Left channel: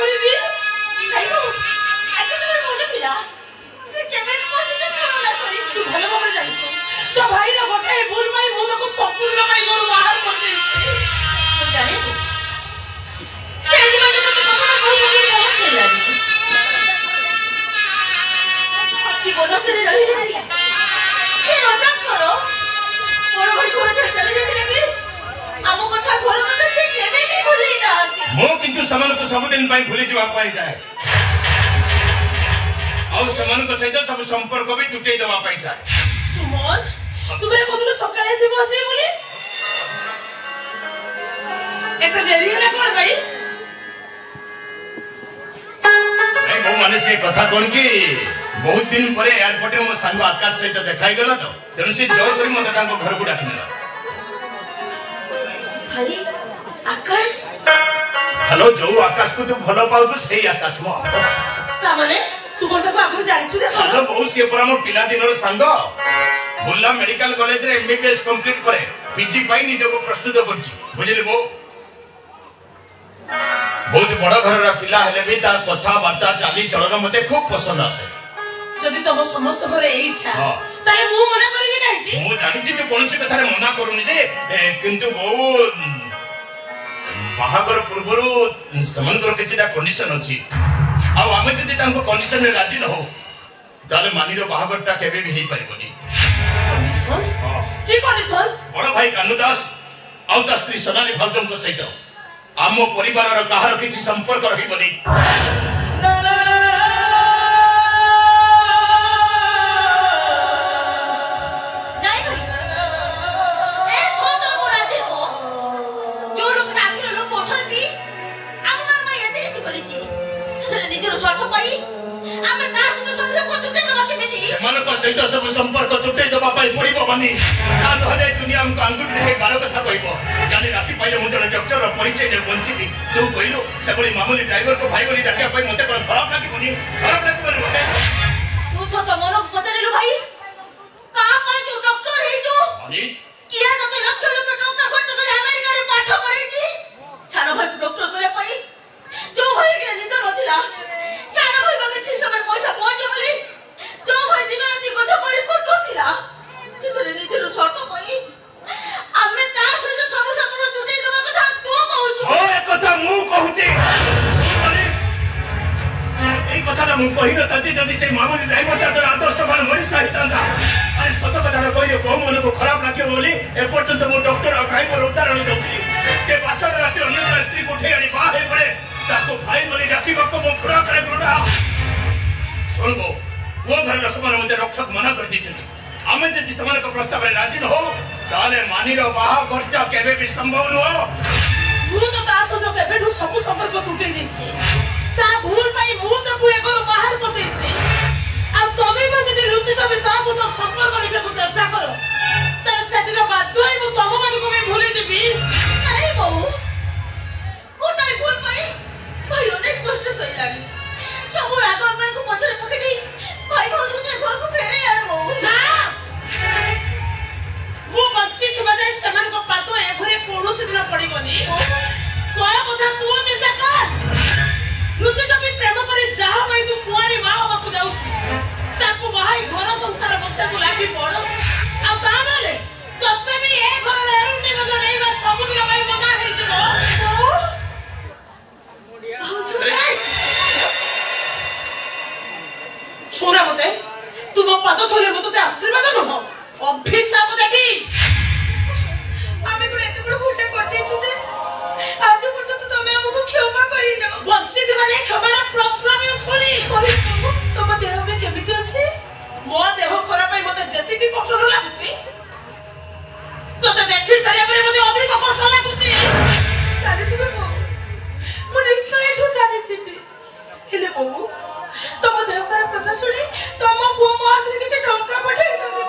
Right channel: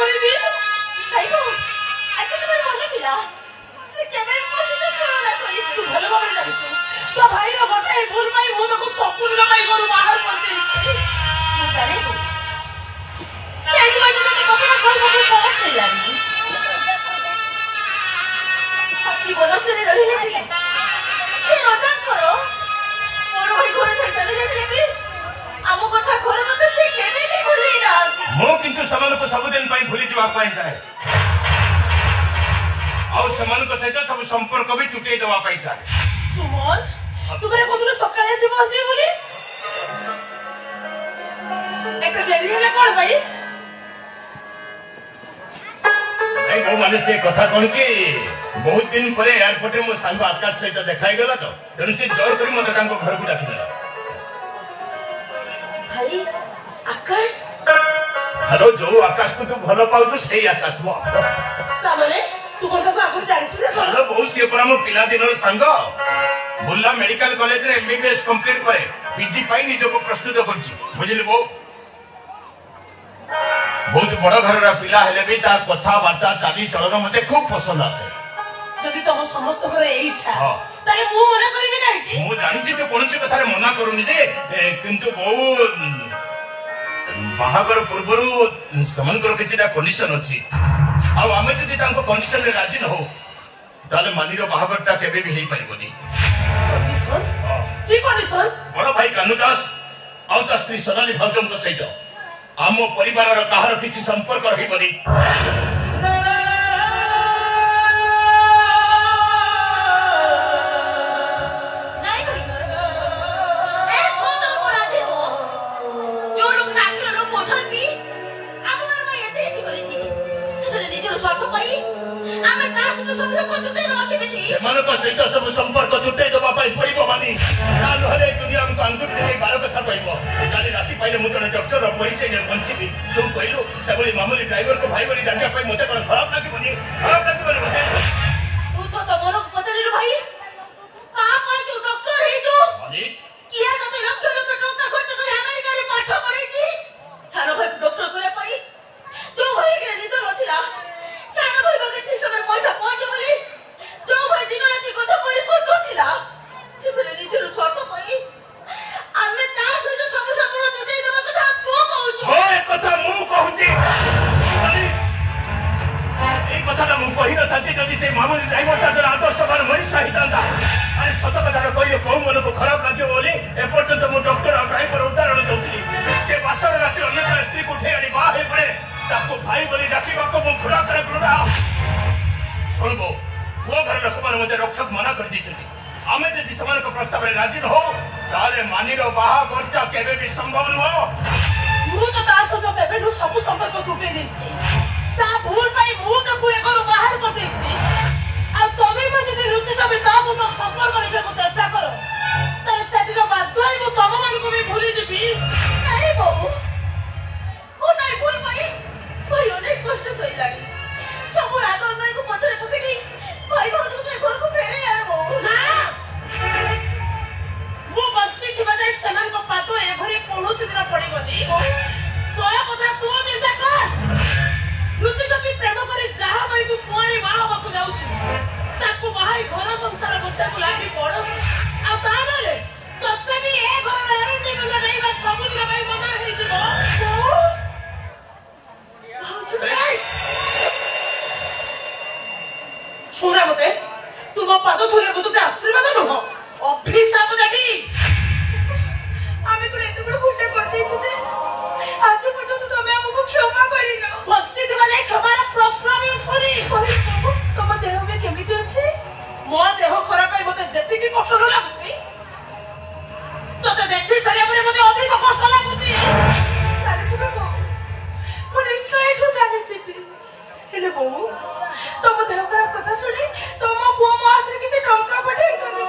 କରି ଦିଏ ଭାଇକୁ ଆକାଶ ଭାଇ ଭଲ ପିଲା ସେ କେବେ ପସନ୍ଦ ଛଳନା କରିନି ତୁ ଭଲ ଭାବରେ ଜାଣିଛୁ ତୋ ଭାଇର ଗୋଟାଏ ଭୁଲ ପାଇଁ ମୁଁ ତାକୁ ସମ୍ପୂର୍ଣ୍ଣ ପାଇଁ ଘରୁ ବାହାର କରିଦେଇଛି ମୁଁ ଜାଣେ ସେଇଥିପାଇଁ ତ ତୋତେ କଥାଟା କହିବାକୁ ସାହସ ହେଲାନି ହାତୀ ବନସ୍ତରେ ରହିଲେ ସେ ରଜାଙ୍କର ବଡ଼ ଭାଇ ଘର ଛାଡ଼ି ଚାଲି ଯାଇଥିଲେ ବି ଆମ କଥା ଘର କଥା ସେ କେବେ ବି ଭୁଲି ନାହାନ୍ତି ମୁଁ କିନ୍ତୁ ସେମାନଙ୍କୁ ସବୁଦିନ ପାଇଁ ଭୁଲି ଯିବା ପାଇଁ ଯାଏ ଆଉ ସେମାନଙ୍କ ସହିତ ସବୁ ସମ୍ପର୍କ ବି ତୁଟେଇ ଦେବା ପାଇଁ ଚାହେଁ ସୁମନ ତୁମେ କୋଉଦିନ ସକାଳେ ଆସି ପହଞ୍ଚିବି ବୋଲି ଏତେ ଡେରି ହେଲା କଣ ପାଇଁ ମୁଁ ମାନେ ସେ କଥା କଣ କି ବହୁତ ଦିନ ପରେ ଏୟାରପୋର୍ଟରେ ମୋ ସାଙ୍ଗ ଆକାଶ ସହିତ ଦେଖା ହେଇଗଲା ତ ତେଣୁ ସେ ଜୋର କରି ମତେ ତାଙ୍କ ଘରକୁ ଡାକିଦେଲା ଭାଇ ଆକାଶ ହ୍ୟାଲୋ ଯୋଉ ଆକାଶକୁ ତୁ ଭଲ ପାଉଛୁ ସେଇ ଆକାଶ ମୋ ତାମାନେ ତୁ କଣ ତାକୁ ଆଗରୁ ଜାଣିଛୁ ନା କଣ ହ୍ୟାଲୋ ବୋଉ ସିଏ ପରା ମୋ ପିଲାଦିନର ସାଙ୍ଗ ବୁର୍ଲା ମେଡିକାଲ କଲେଜରେ MBBS କମ୍ପ୍ଲିଟ ପରେ ପିଜି ପାଇଁ ନିଜକୁ ପ୍ରସ୍ତୁତ କରୁଛି ବୁଝିଲି ବୋଉ ବହୁତ ବଡ ଘରର ପିଲା ହେଲେ ବି ତା କଥାବାର୍ତ୍ତା ଚାଲିଚଳନ ମତେ ଖୁବ ପସନ୍ଦ ଆସେ ଯଦି ତମ ସମସ୍ତଙ୍କର ଏଇ ଇଚ୍ଛା ତାହେଲେ ମୁଁ ମନା କରିବି କାହିଁକି ମୁଁ ଜାଣିଛି ତୁ କୌଣସି କଥାରେ ମନା କରୁନି ଯେ କିନ୍ତୁ ବୋଉ ବାହାଘର ପୂର୍ବରୁ ସେମାନଙ୍କର କିଛିଟା କଣ୍ଡିସନ ଅଛି ଆଉ ଆମେ ଯଦି ତାଙ୍କ କଣ୍ଡିସନରେ ରାଜି ନ ହଉ ତାହେଲେ ମାନିର ବାହାଘରଟା କେବେ ବି ହେଇପାରିବନି କି କଣ୍ଡିସନ ବଡ ଭାଇ କାହ୍ନୁ ଦାସ ଆଉ ତା ସ୍ତ୍ରୀ ସୋନାଲି ଭାଉଜଙ୍କ ସହିତ ଆମ ପରିବାରର କାହାର କିଛି ସମ୍ପର୍କ ରହିବନି ସେମାନଙ୍କ ସହିତ ସବୁ ସମ୍ପର୍କ ତୁଟେଇ ଦେବା ପାଇଁ ପଡିବ ମାନି ନହେଲେ ଦୁନିଆ ଆମକୁ ଆଙ୍ଗୁଠି ଦେଖେଇ ବାର କଥା କହିବ କାଲି ରାତି ପାଇଲେ ମୁଁ ଜଣେ ଡକ୍ଟରର ପରିଚୟ ନେଇ ବଞ୍ଚିବି ତୁ କହିଲୁ ସେଭଳି ମାମୁଲି ଡ୍ରାଇଭରକୁ ଭାଇ ବୋଲି ଡାକିବା ପାଇଁ ମତେ କଣ ଖରାପ ଲାଗିବନି ତୁ ତ ତମର ପଚାରିଲୁ ଭାଇ କାହା ପାଇଁ ତୁ ଡକ୍ଟର ହେଇଛୁ କିଏ ତତେ ଲକ୍ଷ ଲକ୍ଷ ଟଙ୍କା ଖର୍ଚ୍ଚ କରି ଆମେରିକାରେ ପାଠ ପଢେଇଛି ସାନ ଭାଇକୁ ଡକ୍ଟର କରିବା ପାଇଁ ଯୋଉ ଭାଇରେ ନିଦ ନଥିଲା ସାନ ଭାଇ ପାଖେ ଠିକ ସମୟରେ ପଇସା ପହଞ୍ଚେ ବୋଲି ଯୋଉ ଭାଇ ଦିନ ରାତି କଥା କରି ଖଟୁଥିଲା ଶେଷରେ ନିଜର ସ୍ୱାର୍ଥ ପାଇଁ ଆମେ ତା ସହିତ ସବୁ ସମ୍ପର୍କ ତୁଟେଇ ଦେବା କଥା ତୁ କହୁଛୁ ଏ କଥା ମୁଁ କହୁଛି এই কথাটা ମୁଁ କହିନଥାନ୍ତି ଯଦି ସେ ମାମୁଲି ଡ୍ରାଇଭରଟା ତୋର ଆଦର୍ଶବାନ ମଣିଷ ହେଇଥାନ୍ତା ଆରେ ସତ କଥାଟା କହିଲେ କୋଉ ମନକୁ ଖରାପ ଲାଗିବ ବୋଲି ଏପର୍ଯ୍ୟନ୍ତ ମୁଁ ଡକ୍ଟର ଆଉ ଡ୍ରାଇଭର ଉଦାହରଣ ଦେଉଥିଲି ସେ ବାସର ରାତିରେ ଅନ୍ୟ ଜଣେ ସ୍ତ୍ରୀକୁ ଉଠେଇ ଆଣି ବାହା ହେଇପଡ଼େ ତାକୁ ଭାଇ ବୋଲି ଡାକିବାକୁ ମୁଁ ଘୃଣା କରେ ଘୃଣା ଶୁଣିବ ମୋ ଘର ଲୋକମାନେ ମୋତେ ରୋକଠୋକ ମନା କରିଦେଇଛନ୍ତି ଆମେ ଯଦି ସେମାନଙ୍କ ପ୍ରସ୍ତାବରେ ରାଜି ନ ହଉ ତାହେଲେ ମାନିର ବାହାଘରଟା କେବେ ବି ସମ୍ଭବ ନୁହଁ ମୁଁ ତ ତା ସହିତ କେବେଠୁ ସବୁ ସମ୍ପର୍କ ତୁଟେଇ ଦେଇଛି ତା ଭୁଲ ପାଇଁ ମୁଁ ତାକୁ ଏ ଘରୁ ବାହାର କରିଦେଇଛି ଆଉ ତମେ ବି ଯଦି ରୁଚି ଜମି ତା ସହିତ ସମ୍ପର୍କ ରଖିବାକୁ ଚେଷ୍ଟା କର ତାହେଲେ ସେଦିନ ବାଧ୍ୟ ହୋଇ ମୁଁ ତମମାନଙ୍କୁ ବି ଭୁଲିଯିବି ନାଇଁ ବୋଉ ଗୋଟାଏ ଭୁଲ ପାଇଁ ଭାଇ ଅନେକ କଷ୍ଟ ସହିଲାଣି ସବୁ ରାଗ ଆମକୁ ପଛରେ ପକେଇ ଦେଇ ଭାଇ ଭାଉଜଙ୍କୁ ଘରକୁ ଫେରେଇ ଆଣେ ବୋଉ ନା ମୁଁ ବଞ୍ଚିଥିବା ଯାଏ ସେମାନଙ୍କ ପାଦ ଏ ଘରେ କୌଣସି ଦିନ ପଡିବନି ତୋ କଥା ତୁ ଚିନ୍ତା କର ଲୁଚି ଜମି ପ୍ରେମ କରି ଯାହା ପାଇଁ ତୁ କୁଆଡେ ବାହା ହବାକୁ ଯାଉଛୁ ତାକୁ ବାହାଇ ଘର ସଂସାର ବସିବାକୁ ଲାଗି ପଡ ଆଉ ତାପରେ ତତେ ବି ଏ ଘରର ଏଣ୍ଡିର ଜଣେଇବା ସବୁଦିନ ପାଇଁ ମନା ହେଇଯିବ ଛୁରା ମତେ ତୁମ ପାଦ ଧରେ ମୁଁ ତତେ ଆଶୀର୍ବାଦ ନୁହଁ ଅଭିଶାପ ଦେବି ଆମେ ଗୋଟେ ଏତେ ବଡ ଭୁଲଟା କରିଦେଇଛୁ ଯେ ଆଜି ପର୍ଯ୍ୟନ୍ତ ତମେ ଆମକୁ କ୍ଷମା କରିନ ବଞ୍ଚିଥିବା ଯାଏ କ୍ଷମାର ପ୍ରଶ୍ନ ବି ଉଠୁନି ତମ ଦେହ ବି କେମିତି ଅଛି ମୋ ଦେହ ଖରାପ ପାଇଁ ମତେ ଯେତିକି କଷ୍ଟ ଲାଗୁଛି ତତେ ଦେଖି ସାରିବା ପରେ ମତେ ଅଧିକ କଷ୍ଟ ଲାଗୁଛି ଚାଲିଯିବେ ବୋଉ ମୁଁ ନିଶ୍ଚୟ ଏଠୁ ଚାଲିଯିବି ହେଲେ ବୋଉ ତମ ଦେହ ଖରାପ କଥା ଶୁଣି ତମ ପୁଅ ମୋ ହାତରେ କିଛି ଟଙ୍କା ପଠେଇଛନ୍ତି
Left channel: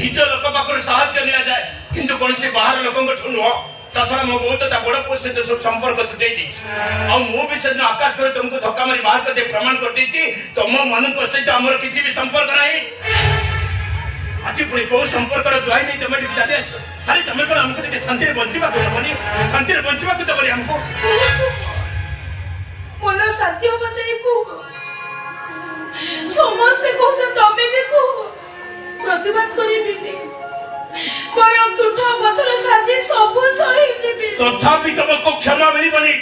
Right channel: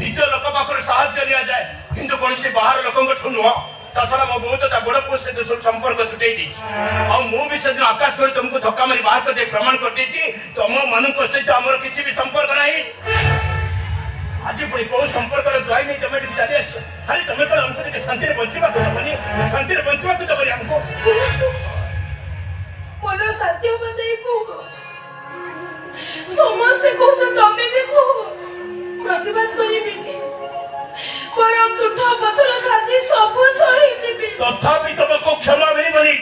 ନିଜ ଲୋକ ପାଖରୁ ସାହାଯ୍ୟ ନିଆଯାଏ କିନ୍ତୁ କୌଣସି ବାହାର ଲୋକଙ୍କଠୁ ନୁହଁ ତାଛଡା ମୋ ବୋଉ ତ ତା ବଡ ପୁଅ ସହିତ ସବୁ ସମ୍ପର୍କ ତୁଟେଇ ଦେଇଛି ଆଉ ମୁଁ ବି ସେଦିନ ଆକାଶ କରି ତମକୁ ଧକ୍କା ମାରି ବାହାର କରିଦେଇ ପ୍ରମାଣ କରିଦେଇଛି ତମ ମାନଙ୍କ ସହିତ ଆମର କିଛି ବି ସମ୍ପର୍କ ନାହିଁ ଆଜି ପୁଣି କୋଉ ସମ୍ପର୍କର ଦୁଆଇ ନେଇ ତମେ ଟିକେ ଚାଲି ଆସିଛ ଆରେ ତମେ କଣ ଆମକୁ ଟିକେ ଶାନ୍ତିରେ ବଞ୍ଚିବାକୁ ଦେବନି ଶାନ୍ତିରେ ବଞ୍ଚିବାକୁ ଦେବନି ଆମକୁ मन शांति हो जाए को समस्त को तमें भी को प्रतिबाद करिबिनी परम दुख पथर साजी सब सही जीवी तथापि तुमको क्षमा मिलबनी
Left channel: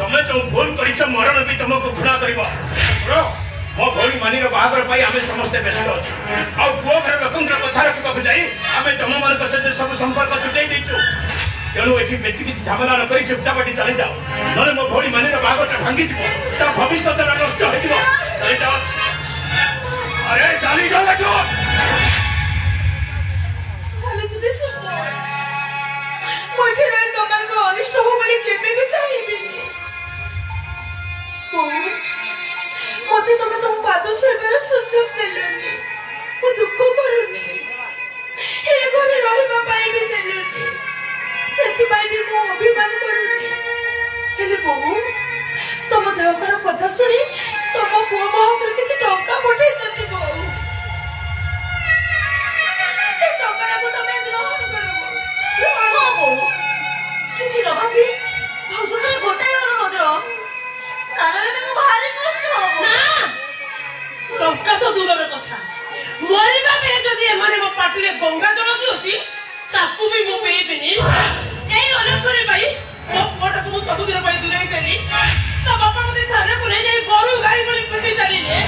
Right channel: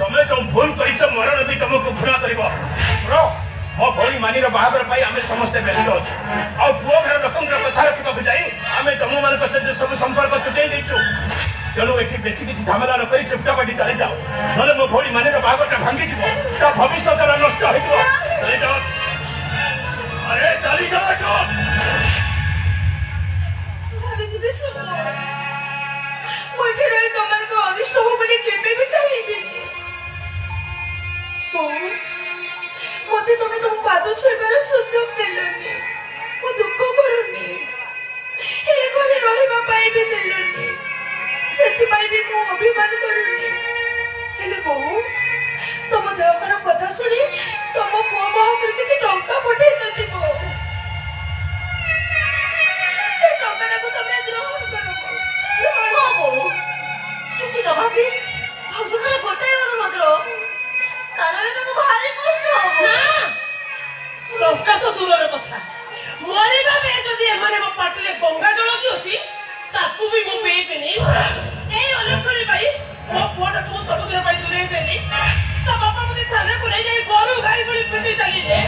तमे जो भूल करिछ मरण भी तुमको घृणा करिवो सुनो मो भोली मानीर बाहागर पाई आमे समस्त व्यस्त अछु आ पुओ घर लोकंकर कथा रखिबा जाई आमे तुम मन सहित सब संपर्क छुटाई देछु तेणु एठी बेची किछि झमेला न करी चुपचाप एठी चले जाओ नले मो भोली मानीर बाहागरटा भांगी जिवो ता भविष्यत नष्ट हो जिवो चले जाओ अरे चली जाओ जो चले जिबे सुंदर मुझे रे तमन को अनिष्ट हो बोली केबे भी चाहिबी मते तमे तुम पाद छुइबार सुযোগ देलनी मु दुख करनी ए घरे रहिबा पाई भी देलनी सेति पाई भी मु अभिमान करूनी हेले बहु तम देहकर कथा सुनी तम पुओ हाथ किछि टंका पठाई जति बहु ए टंका को तमे ग्रहण करबो बाबू किछि न भाबी भौजुकर गोटे अनुरोध रो कानरे तक भारी कष्ट हो ना टंका तो दूरर कथा मरिबा बे जदी एमाने मो पाटिले गंगा जल दियोती ताकू भी मो पीबिनी एई अलखणी भाई मो पोटा को सब दिन भाई दुराई देली ता बापा मते थारे को ले जाई गरु गाई बड़ी पिटी चालीले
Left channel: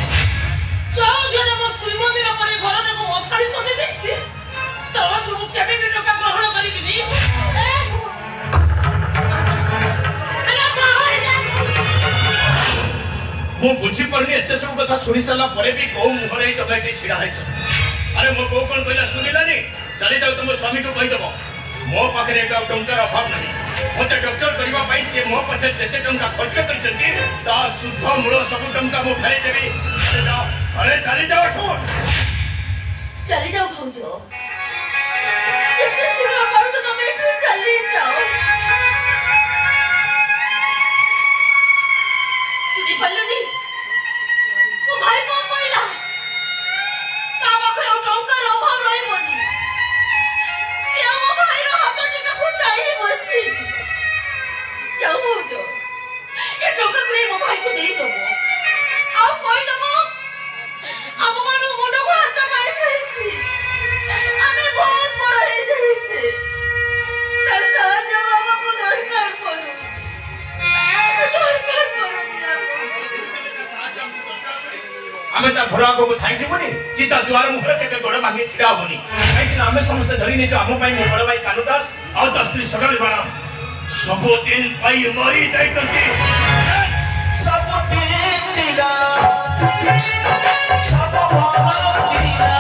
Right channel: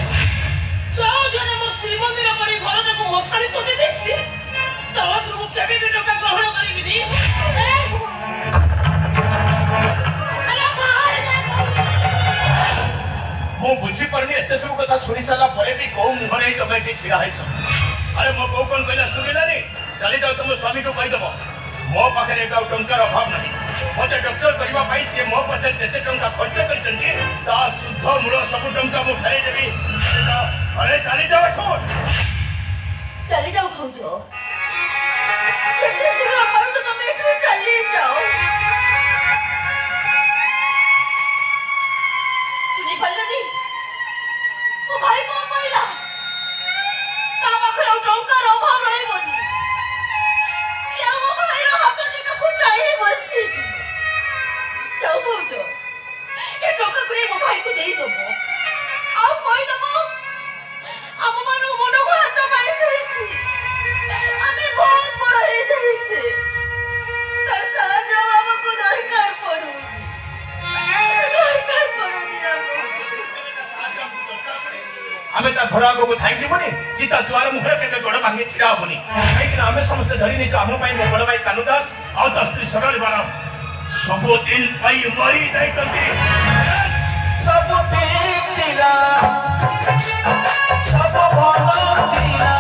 चाओ जने मो श्रीमंदिर परी घर ने को मसाड़ी सजे देछि तो तू केबे भी टंका ग्रहण करिबिनी मु बुझी परनी एते सब कथा सुनि साला परे भी को मुहरे तमे एठी छिड़ा हैछ अरे मो को कोन कहला सुनिलानी चली जाओ तुम स्वामी को कहि दबो मो पाखरे एक टंकार अभाव नहीं मते डॉक्टर करबा पाई से मो पछे जेते टंका खर्च करचंती ता शुद्ध मूल सब टंका मु फेरे देबी अरे चली जाओ छोड़ चली जाओ भौजो जितने शीघ्र पारो तो तुम एठू चली जाओ सुनी पल्लनी वो भाई को कोइला ता पाखरे टंकार अभाव रहबनी से मो भाई रो हाथ टिका फुटाई बसी जाओ भौजो ए टंका करे मो भाई को देई दबो आ कोइ दबो हम मानु मुंड को हाथ पाई जाईसी हमें बहुत बड़ा है जाईसी पैसा जाओ हमको दरकार पड़ो दरकार पड़ो आमे ता घर आगो को थाई जीवनी कि ता द्वार मुहरे केबे गोड़ भांगे छिड़ा होनी काई कि आमे समस्त धरी नै हम पई मो बड़ भाई कानुदास आ त स्त्री सरल बना सब दिन पई मरी जाइतंती सब दिन दिला सब भलो दिला